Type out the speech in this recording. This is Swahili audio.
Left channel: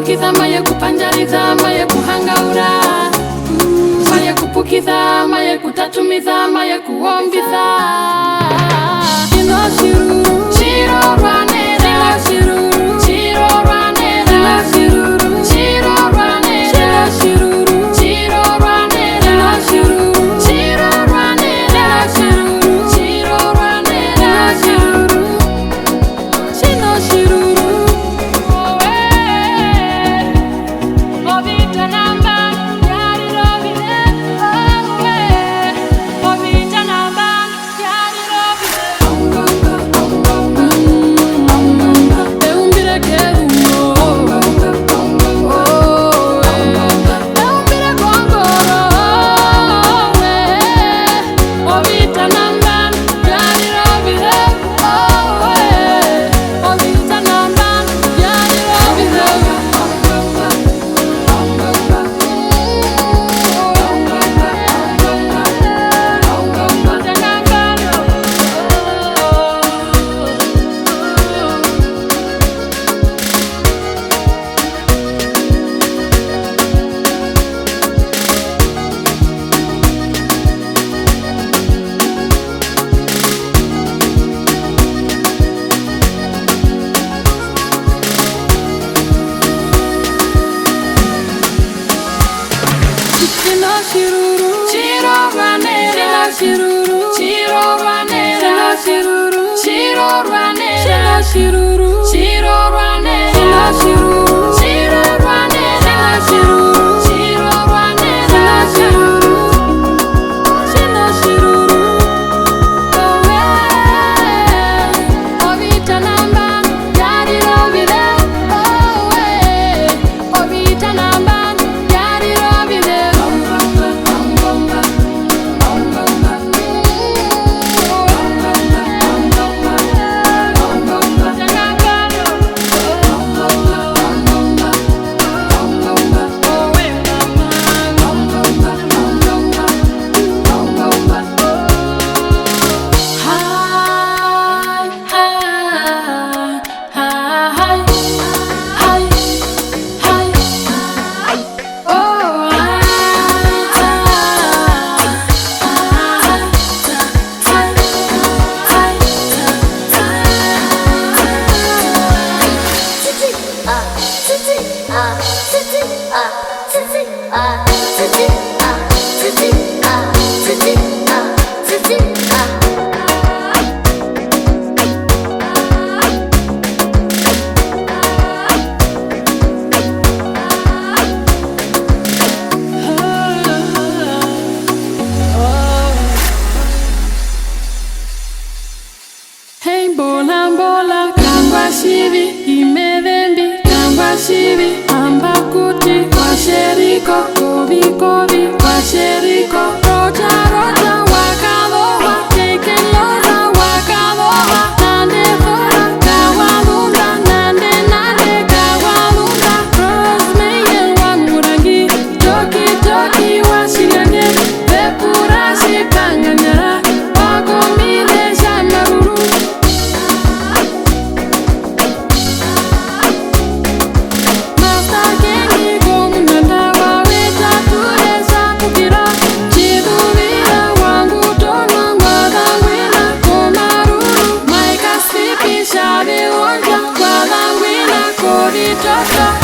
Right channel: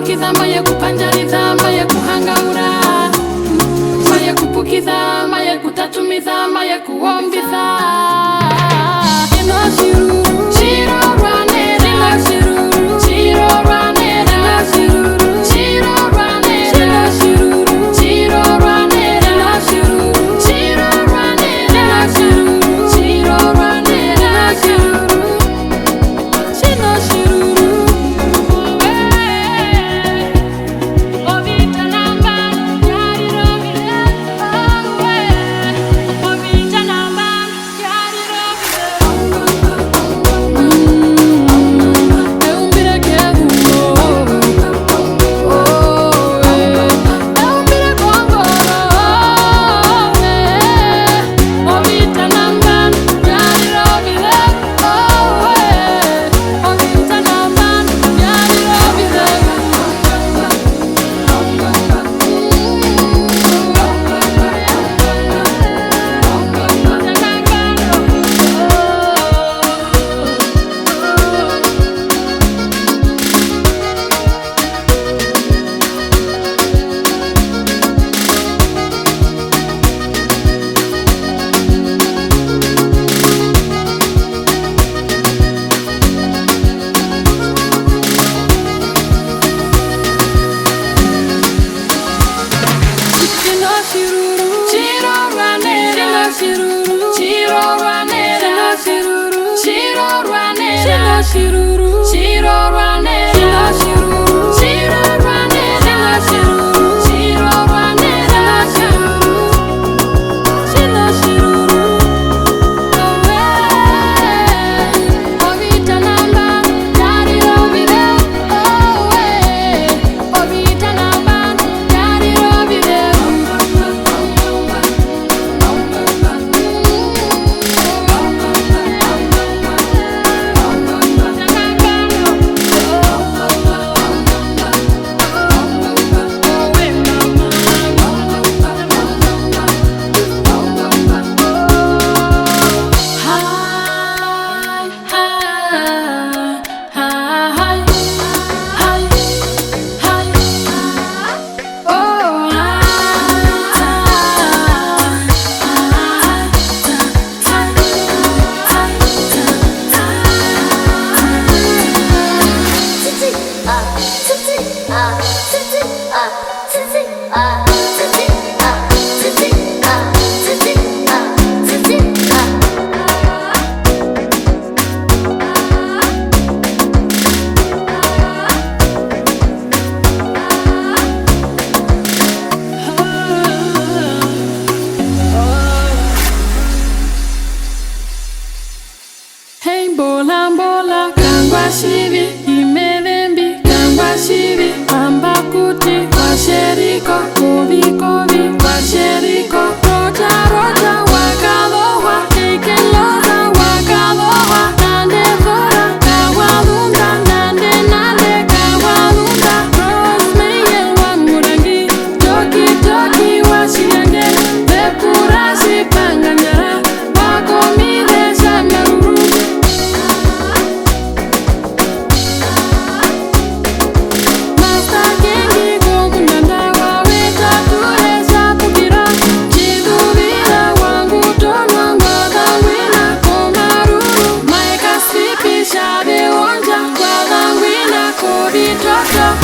kupukitha maya kupanjaritha maya kuhangaura maya kupukitha maya kutatumitha maya kuombitha ino shiruru Tjirorwa nera shiruru Tjirorwa nera shiruru Tjirorwa nera shiruru Tjirorwa nera shiruru Tjirorwa nera shiruru Tjirorwa nera shiruru Chino shiruru Tjirorwa nera shiruru Tjirorwa nera shiruru Tjirorwa nera shiruru Tjirorwa nera shiruru Tjirorwa nera shiruru Tjirorwa nera shiruru Chino shiruru Ovita namba Yariro vide Ovita namba Shivi imedembi kangwa shivi ambakuti kwa sheriko kovi kovi kwa sheriko roja roja wakadoha keikeloza wakadoha nande thora kawadunda nande nande kawadunda rosmeyel wa murangi joki joki wa shiriange vepurashi panganyara wakomide shamaruru Shave onja kwa dhangwina kovi toto